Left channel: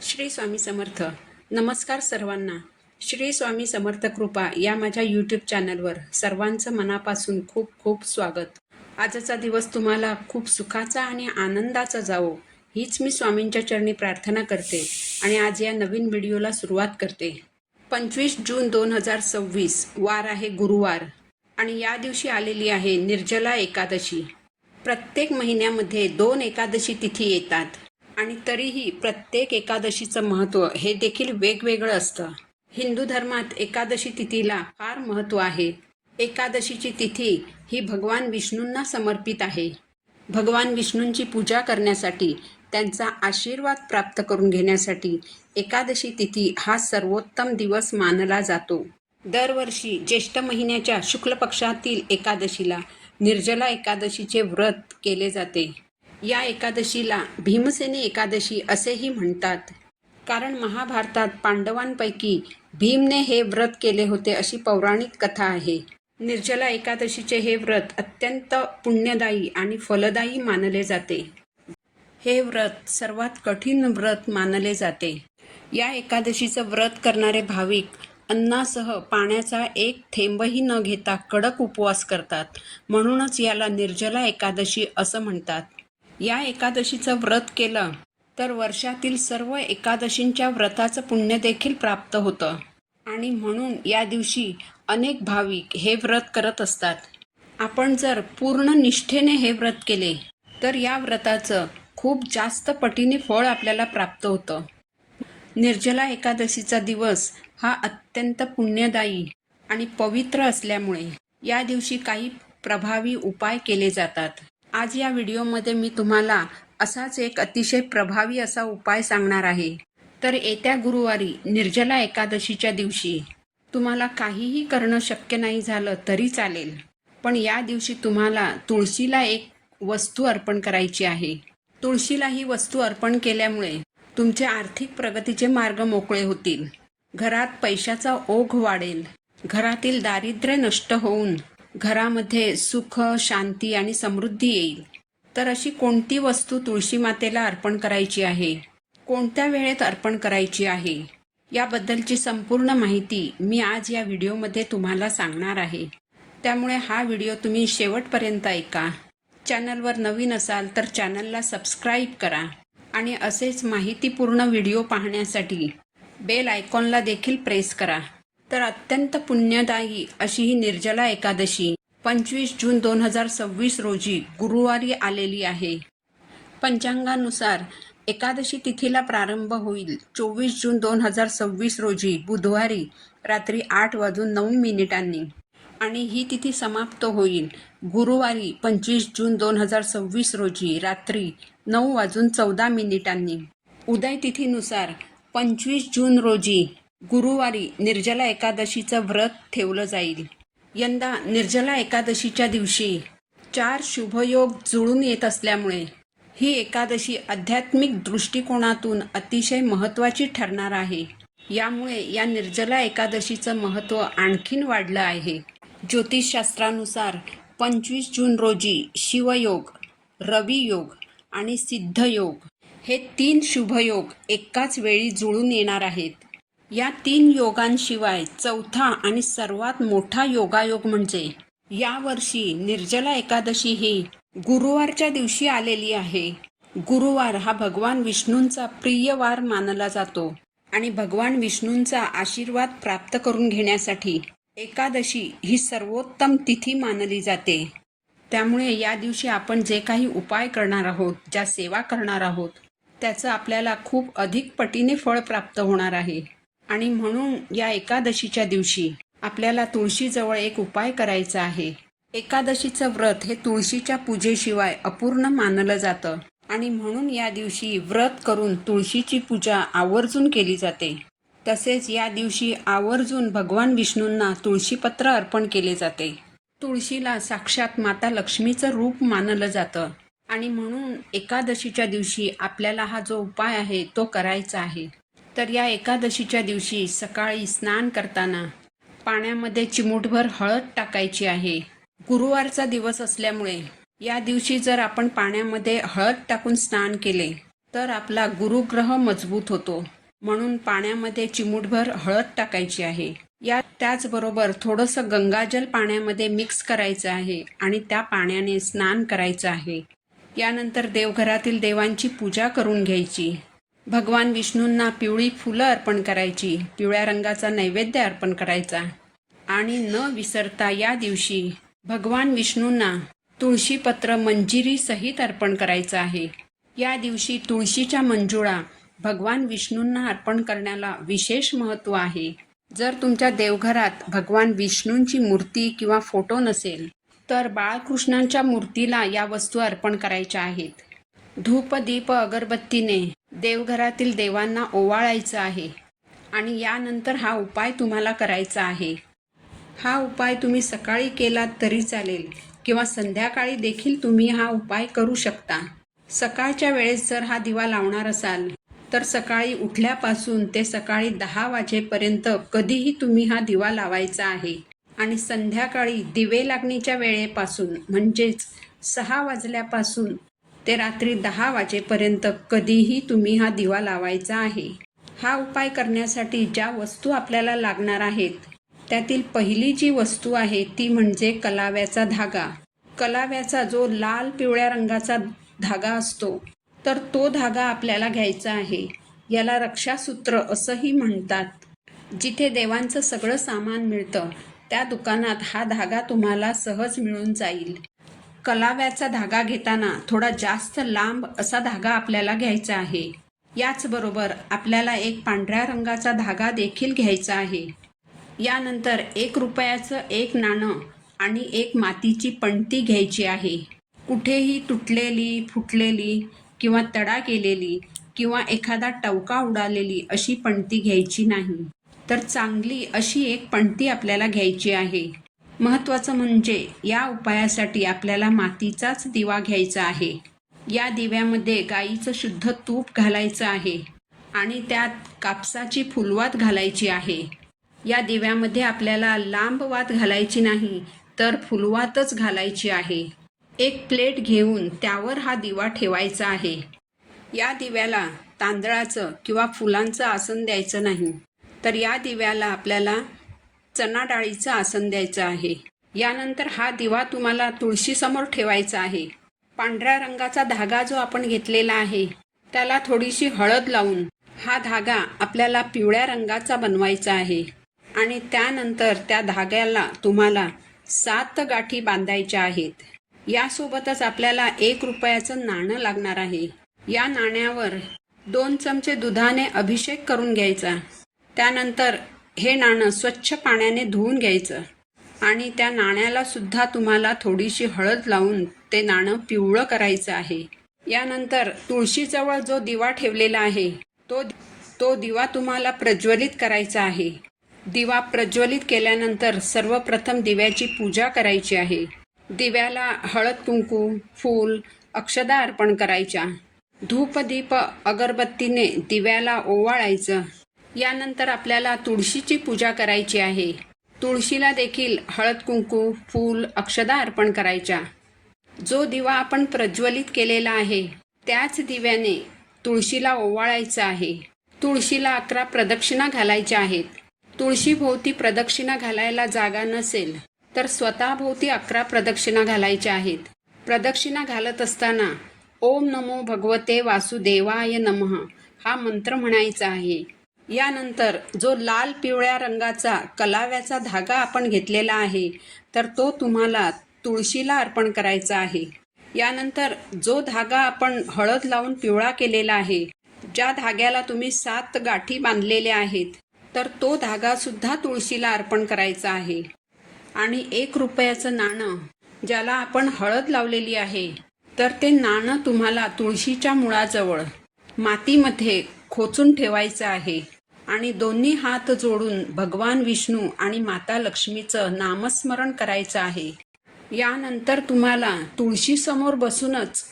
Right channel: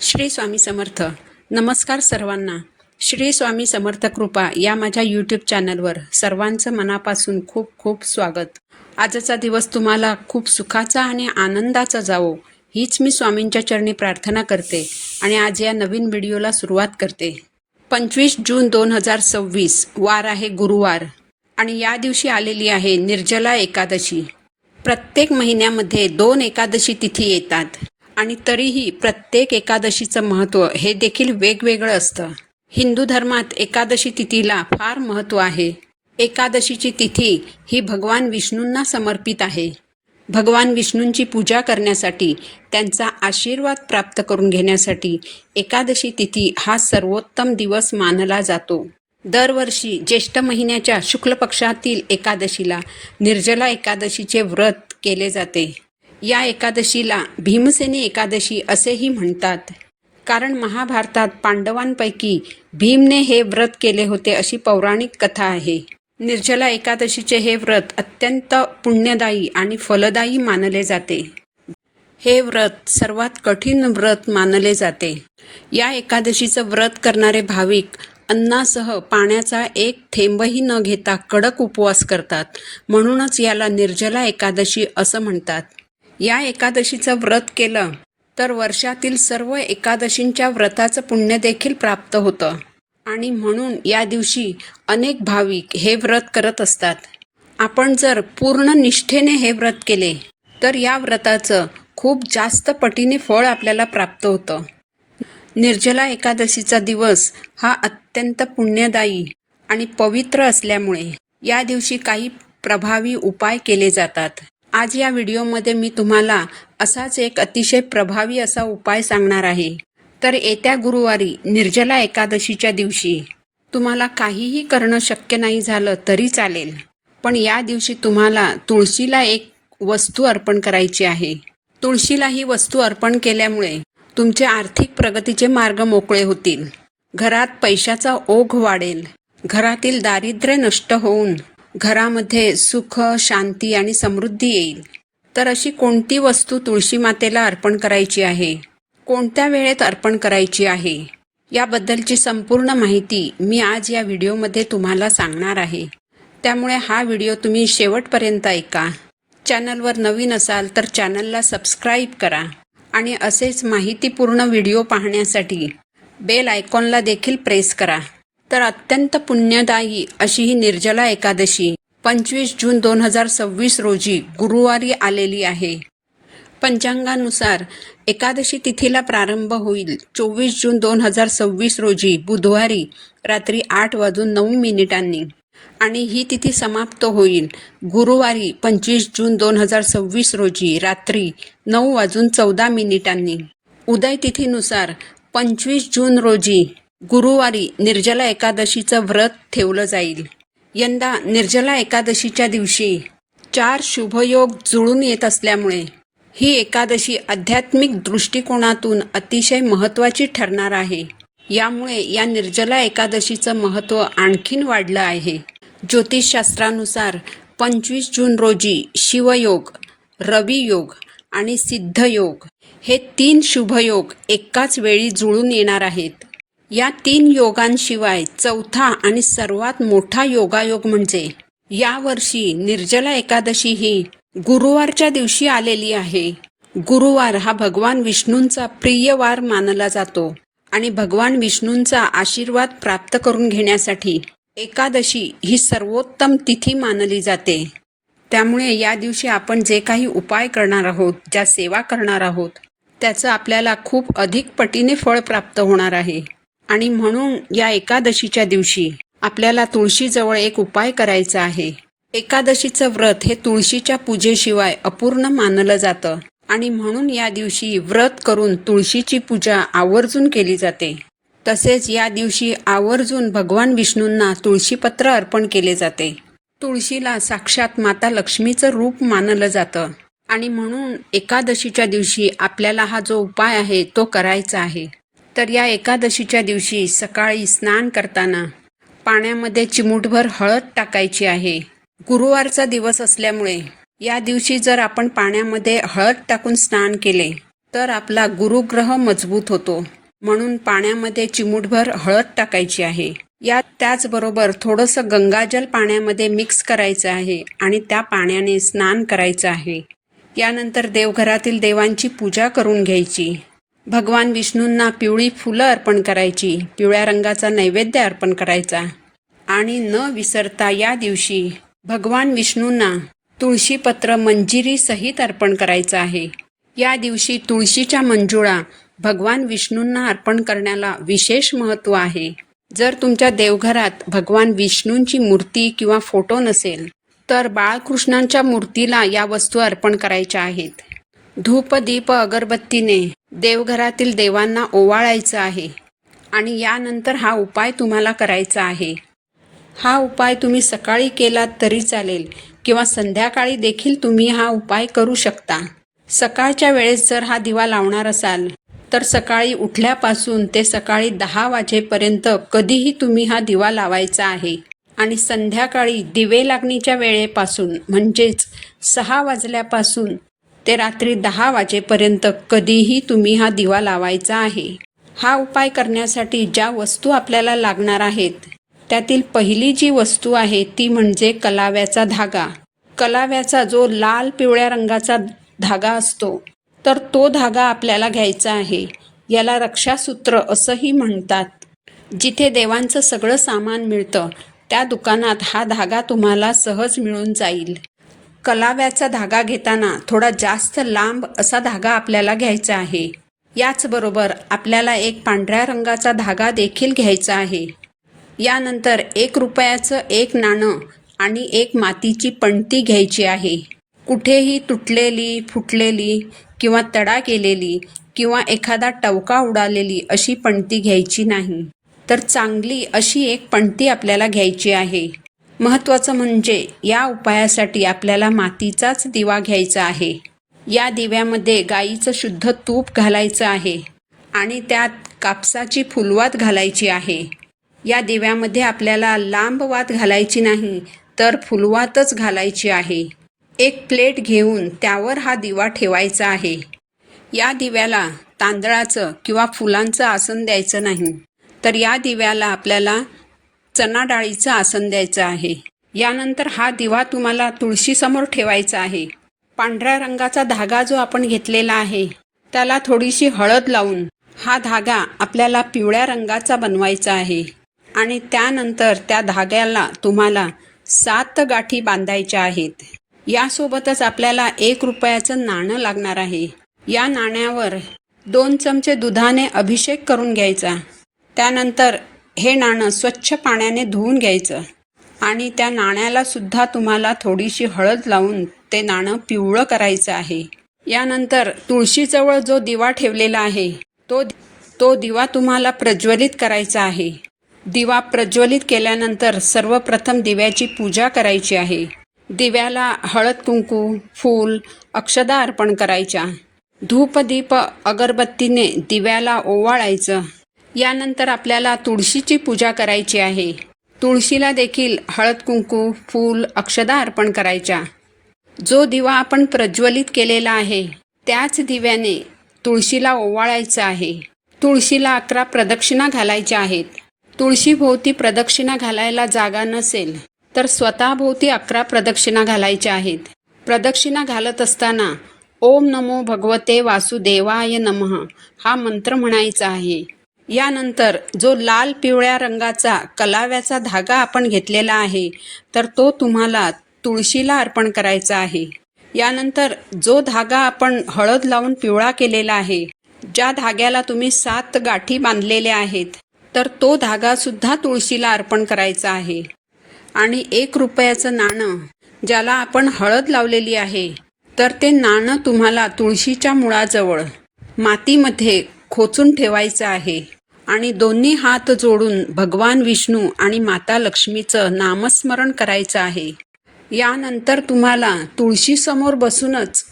श्री स्वामी समर्थ. नमस्कार सर्वांना. श्री स्वामी समर्थ कृपा या माझ्या यूट्यूब चॅनलवर सर्वांचं मनापासून खूप खूप स्वागत. आजचा दिवस तुम्हाला खूप सुखाचा आणि आनंदाचा जावो हीच मी स्वामींच्या चरणी प्रार्थना करते आणि आज या नवीन व्हिडिओला सुरुवात करते. 25 जून 2026 वार आहे गुरुवार आणि या दिवशी आलेली आहे निर्जला एकादशी. प्रत्येक महिन्यामध्ये 2 एकादशी तिथी येतात आणि तरीही प्रत्येक एकादशीचं महत्त्व हे देखील वेगवेगळं असतं. हिंदू धर्मात एकादशी तिथीला फार महत्त्व आहे. एकादशीची तिथी ही भगवान विष्णूंना समर्पित आहे. भगवान विष्णूंची पूजा करण्यासाठी, त्यांचा आशीर्वाद प्राप्त करून घेण्यासाठी एकादशी तिथी हा सर्वोत्तम दिवस मानला जातो. दरवर्षी ज्येष्ठ महिन्याच्या शुक्ल पक्षातील एकादशीला निर्जला एकादशीचे व्रत केले जाते. या एकादशीला भीमसेनी एकादशी असेही म्हणतात, कारण महाभारतात पांडवांपैकी भीमने हे व्रत केले होते अशी पौराणिक कथा आहे. निर्जला एकादशीचे हे व्रत अत्यंत पुण्यदायी आणि फलदायी मानले जाते. हे व्रत सर्वात कठीण व्रत मानले जाते. या एकादशीचं व्रत करणारे भाविक अन्नासह पाण्याचा एक थेंबही न घेता कडक उपवास करतात. म्हणूनच याला निर्जला एकादशी असं म्हणतात. या एकादशीचं व्रत केलं तर वर्षातील सर्व एकादशींच्या व्रताचं पुण्य देखील प्राप्त होतं आणि म्हणून या दिवशी अनेक भाविक हे व्रत करत असतात. आपण जर पूर्ण निष्ठेने हे व्रत केले तर या व्रताचं खूप जास्त पटीने फळ आपल्याला प्राप्त होतं. निर्जला एकादशीचा दिवस हा अत्यंत पुण्यदायी आणि पवित्र असल्यामुळे या दिवशी काही प्रभावी उपाय केले जातात. आज या व्हिडिओमध्ये मी तुम्हाला असाच एक अतिशय प्रभावी असा उपाय सांगणार आहे. तर येत्या गुरुवारी निर्जला एकादशीच्या दिवशी तुम्हाला काहीही करणं शक्य नाही झालं तरी चालेल, पण या दिवशी तुम्हाला तुळशीला एक वस्तू अर्पण करायची आहे. तुळशीला ही वस्तू अर्पण केल्यामुळे तुमचे आर्थिक प्रगतीचे मार्ग मोकळे होतील. घरात पैशाचा ओघ वाढेल. घरातील दारिद्र्य नष्ट होऊन घरामध्ये सुख, शांती आणि समृद्धी येईल. तर अशी कोणती वस्तू तुळशी मातेला अर्पण करायची आहे, कोणत्या वेळेत अर्पण करायची आहे, याबद्दलची संपूर्ण माहिती मी आज या व्हिडिओमध्ये तुम्हाला सांगणार आहे. त्यामुळे हा व्हिडिओ तुम्ही शेवटपर्यंत ऐका. चॅनलवर नवीन असाल तर चॅनलला सबस्क्राईब करा आणि असेच माहितीपूर्ण व्हिडिओ पाहण्यासाठी बेल आयकॉनला देखील प्रेस करा. तर अत्यंत पुण्यदायी अशी ही निर्जला एकादशी 25 जून 2026 रोजी गुरुवारी आलेली आहे. पंचांगानुसार एकादशी तिथीला प्रारंभ होईल 24 जून 2026 रोजी बुधवारी रात्री 8:09 आणि ही तिथी समाप्त होईल गुरुवारी 25 जून 2026 रोजी रात्री 9:14 उदय तिथीनुसार 25 जून रोजी गुरुवारी निर्जला एकादशीचं व्रत ठेवलं जाईल. यंदा निर्जला एकादशीच्या दिवशी 4 शुभयोग जुळून येत असल्यामुळे ही एकादशी आध्यात्मिक दृष्टिकोनातून अतिशय महत्त्वाची ठरणार आहे. यामुळे या निर्जला एकादशीचं महत्त्व आणखीन वाढलं आहे. ज्योतिषशास्त्रानुसार 25 जून रोजी शिवयोग, रवियोग आणि सिद्धयोग हे 3 शुभयोग एकाच वेळी जुळून येणार आहेत. या 3 योगांशिवाय चौथा आणि सर्वात मोठा योगायोग म्हणजे यावर्षी निर्जला एकादशी ही गुरुवारच्या दिवशी आलेली आहे. गुरुवार हा भगवान विष्णूंचा प्रिय वार मानला जातो आणि भगवान विष्णूंचा आशीर्वाद प्राप्त करून घेण्यासाठी एकादशी ही सर्वोत्तम तिथी मानली जाते. त्यामुळे या दिवशी आपण जे काही उपाय करणार आहोत, ज्या सेवा करणार आहोत, त्याचं आपल्याला खूप अधिक पटीने फळ प्राप्त होणार आहे. आणि म्हणून या एकादशीच्या दिवशी आपल्याला तुळशीजवळ एक उपाय करायचा आहे. एकादशीचं व्रत हे तुळशीच्या पूजेशिवाय अपूर्ण मानलं जातं आणि म्हणून या दिवशी व्रत करून तुळशीची पूजा आवर्जून केली जाते. तसेच या दिवशी आवर्जून भगवान विष्णूंना तुळशीपत्र अर्पण केले जाते. तुळशीला साक्षात माता लक्ष्मीचं रूप मानलं जातं आणि म्हणून एकादशीच्या दिवशी आपल्याला हा जो उपाय आहे तो करायचा आहे. तर या एकादशीच्या दिवशी सकाळी स्नान करताना पाण्यामध्ये चिमूटभर हळद टाकायची आहे. गुरुवारचा दिवस असल्यामुळे या दिवशी जर आपण पाण्यामध्ये हळद टाकून स्नान केले तर आपला गुरुग्रह मजबूत होतो. म्हणून पाण्यामध्ये चिमूटभर हळद टाकायची आहे. त्याचबरोबर थोडंसं गंगाजल पाण्यामध्ये मिक्स करायचं आहे आणि त्या पाण्याने स्नान करायचं आहे. यानंतर देवघरातील देवांची पूजा करून घ्यायची. भगवान विष्णूंना पिवळी फुलं अर्पण करायची, पिवळ्या रंगाचा नैवेद्य अर्पण करायचा आणि न विसरता या दिवशी भगवान विष्णूंना तुळशीपत्र मंजिरी सहित अर्पण करायचं आहे. या दिवशी तुळशीच्या मंजुळा भगवान विष्णूंना अर्पण करण्याला विशेष महत्त्व आहे. जर तुमच्या देवघरात भगवान विष्णूंची मूर्ती किंवा फोटो नसेल तर बाळकृष्णांच्या मूर्तीला या वस्तू अर्पण करायच्या आहेत. धूप दीप अगरबत्तीने देवघरातील देवांना ओवाळायचं आहे आणि यानंतर हा उपाय तुम्हाला करायचा आहे. हा उपाय तुम्ही सकाळी केलात तरी चालेल किंवा संध्याकाळी देखील तुम्ही हा उपाय करू शकता. सकाळच्या वेळेस जर हा दिवा लावणार असाल तर सकाळी उठल्यापासून ते सकाळी 10 वाजेपर्यंत कधीही तुम्ही हा दिवा लावायचा आहे आणि संध्याकाळी दिवे लागणीच्या वेळेपासून म्हणजेच 6 वाजल्यापासून ते रात्री 10 वाजेपर्यंत कधीही तुम्ही हा दिवा लावायचा आहे. हा उपाय करण्यासाठी ज्या वस्तू आपल्याला लागणार आहेत त्यातील पहिली जी वस्तू आहे ती म्हणजे कलाव्याचा धागा. कलाव्याचा जो लाल पिवळ्या रंगाचा धागा असतो तर तो धागा आपल्याला घ्यायचा आहे. याला रक्षासूत्र असंही म्हणतात. जिथे देवांचं सगळं सामान मिळतं त्या दुकानात हा धागा तुम्हाला सहज मिळून जाईल. कलाव्याचा धागा घेताना थोडा जास्त लांब असा धागा आपल्याला घ्यायचा आहे. याचबरोबर आपल्याला एक पांढऱ्या रंगाचा धागा देखील घ्यायचा आहे. यानंतर 1 रुपयाचं एक नाणं आणि एक मातीची पणती घ्यायची आहे. कुठेही तुटलेली, फुटलेली किंवा तडा गेलेली किंवा एखादा टवका उडालेली अशी पणती घ्यायची नाही, तर चांगली अशी एक पणती आपल्याला घ्यायची आहे. महत्त्वाचं म्हणजे या उपायासाठी आपल्याला मातीचाच दिवा घ्यायचा आहे. या दिव्यामध्ये गाईचं शुद्ध तूप घालायचं आहे आणि त्यात कापसाची फुलवात घालायची आहे. या दिव्यामध्ये आपल्याला लांब वात घालायची नाही तर फुलवातच घालायची आहे. एक प्लेट घेऊन त्यावर हा दिवा ठेवायचा आहे. या दिव्याला तांदळाचं किंवा फुलांचं आसन द्यायचं नाही, तर या दिव्याला आपल्याला चणा डाळीचं आसन द्यायचं आहे. यानंतर हा दिवा तुम्हाला तुळशीसमोर ठेवायचा आहे. पांढऱ्या रंगाचा धागा जो आपण घेतलेला आहे त्याला थोडीशी हळद लावून हा धागा आपल्याला पिवळ्या रंगाचा बनवायचा आहे आणि त्यानंतर त्या धाग्याला तुम्हाला 7 गाठी बांधायच्या आहेत. यासोबतच आपल्याला 1 रुपयाचं नाणं लागणार आहे. या नाण्यावर 2 चमचे दुधाने अभिषेक करून घ्यायचा. त्यानंतर हे नाणं स्वच्छ पाण्याने धुवून घ्यायचं आणि त्या नाण्याला सुद्धा तुम्हाला थोडीशी हळद लावून ते नाणं पिवळं करायचं आहे. यानंतर तुळशीजवळ जो दिवा ठेवलेला आहे तो दिवा तुम्हाला प्रज्वलित करायचा आहे. दिवा प्रज्वलित केल्यानंतर सर्वप्रथम दिव्याची पूजा करायची आहे. दिव्याला हळद कुंकू, फूल, अक्षदा अर्पण करायच्या. धूप दीप अगरबत्तीने दिव्याला ओवाळायचं. यानंतर आपल्याला तुळशीची पूजा करायची आहे. तुळशीला देखील हळद कुंकू, फूल, अक्षदा अर्पण करायच्या. जो दिवा आपण प्रज्वलित केलेला आहे त्याच दिव्याने तुळशीला ओवाळायचं आहे. तुळशीला 11 प्रदक्षिणा घालायच्या आहेत. तुळशीभोवती प्रदक्षिणा घालायला जागा नसेल तर स्वतःभोवती 11 प्रदक्षिणा घालायच्या आहेत. प्रदक्षिणा घालत असताना ओम नमो भगवते वासुदेवाय नमः हा मंत्र म्हणायचा आहे. यानंतर जो लाल पिवळ्या रंगाचा कलाव्याचा धागा आपण घेतलेला आहे तर तो तुम्हाला तुळशीला अर्पण करायचा आहे. यानंतर जो धागा आपण हळद लावून पिवळा केलेला आहे, ज्या धाग्याला तुम्ही 7 गाठी बांधलेल्या आहेत, तर तो धागासुद्धा तुळशीला अर्पण करायचा आहे. आणि 1 रुपयाचं नाणं ज्याला आपण हळद लावलेली आहे तर ते नाणं तुम्हाला तुळशीच्या मुळाजवळ मातीमध्ये खोचून ठेवायचं आहे आणि दोन्ही हात जोडून भगवान विष्णू आणि माता लक्ष्मीचं नामस्मरण करायचं आहे. यानंतर तुम्हाला तुळशीसमोर बसूनच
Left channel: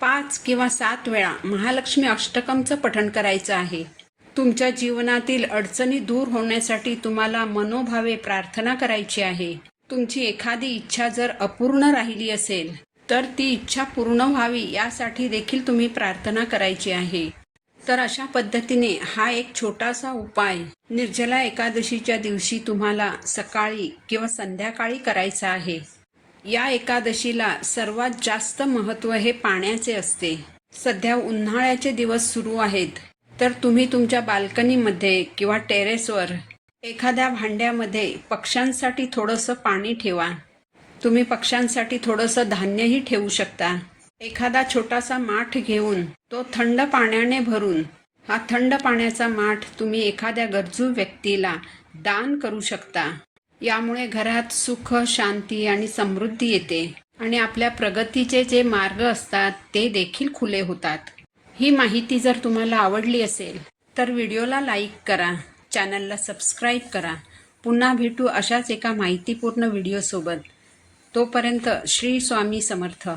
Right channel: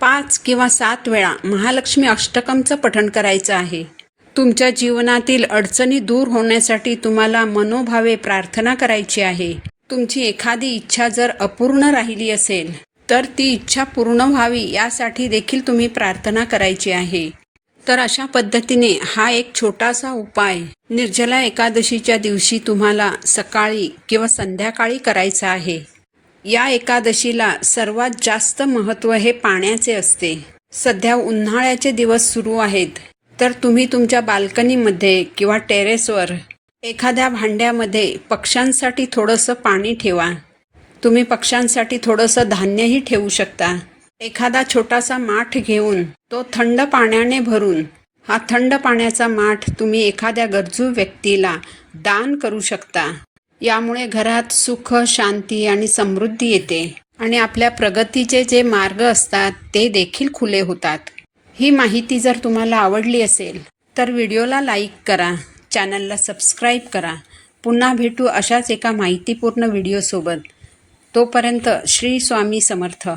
5 किंवा 7 वेळा महालक्ष्मी अष्टकमचं पठण करायचं आहे. तुमच्या जीवनातील अडचणी दूर होण्यासाठी तुम्हाला मनोभावे प्रार्थना करायची आहे. तुमची एखादी इच्छा जर अपूर्ण राहिली असेल तर ती इच्छा पूर्ण व्हावी यासाठी देखील तुम्ही प्रार्थना करायची आहे. तर अशा पद्धतीने हा एक छोटासा उपाय निर्जला एकादशीच्या दिवशी तुम्हाला सकाळी किंवा संध्याकाळी करायचा आहे. या एकादशीला सर्वात जास्त महत्त्व हे पाण्याचे असते. सध्या उन्हाळ्याचे दिवस सुरू आहेत, तर तुम्ही तुमच्या बाल्कनीमध्ये किंवा टेरेसवर एखाद्या भांड्यामध्ये पक्ष्यांसाठी थोडंसं पाणी ठेवा. तुम्ही पक्ष्यांसाठी थोडंसं धान्यही ठेवू शकता. एखादा छोटासा माठ घेऊन तो थंड पाण्याने भरून हा थंड पाण्याचा माठ तुम्ही एखाद्या गरजू व्यक्तीला दान करू शकता. यामुळे घरात सुख, शांती आणि समृद्धी येते आणि आपल्या प्रगतीचे जे मार्ग असतात ते देखील खुले होतात. ही माहिती जर तुम्हाला आवडली असेल तर व्हिडिओला लाईक करा, चॅनलला सबस्क्राईब करा. पुन्हा भेटू अशाच एका माहितीपूर्ण व्हिडिओसोबत. तोपर्यंत श्री स्वामी समर्थ.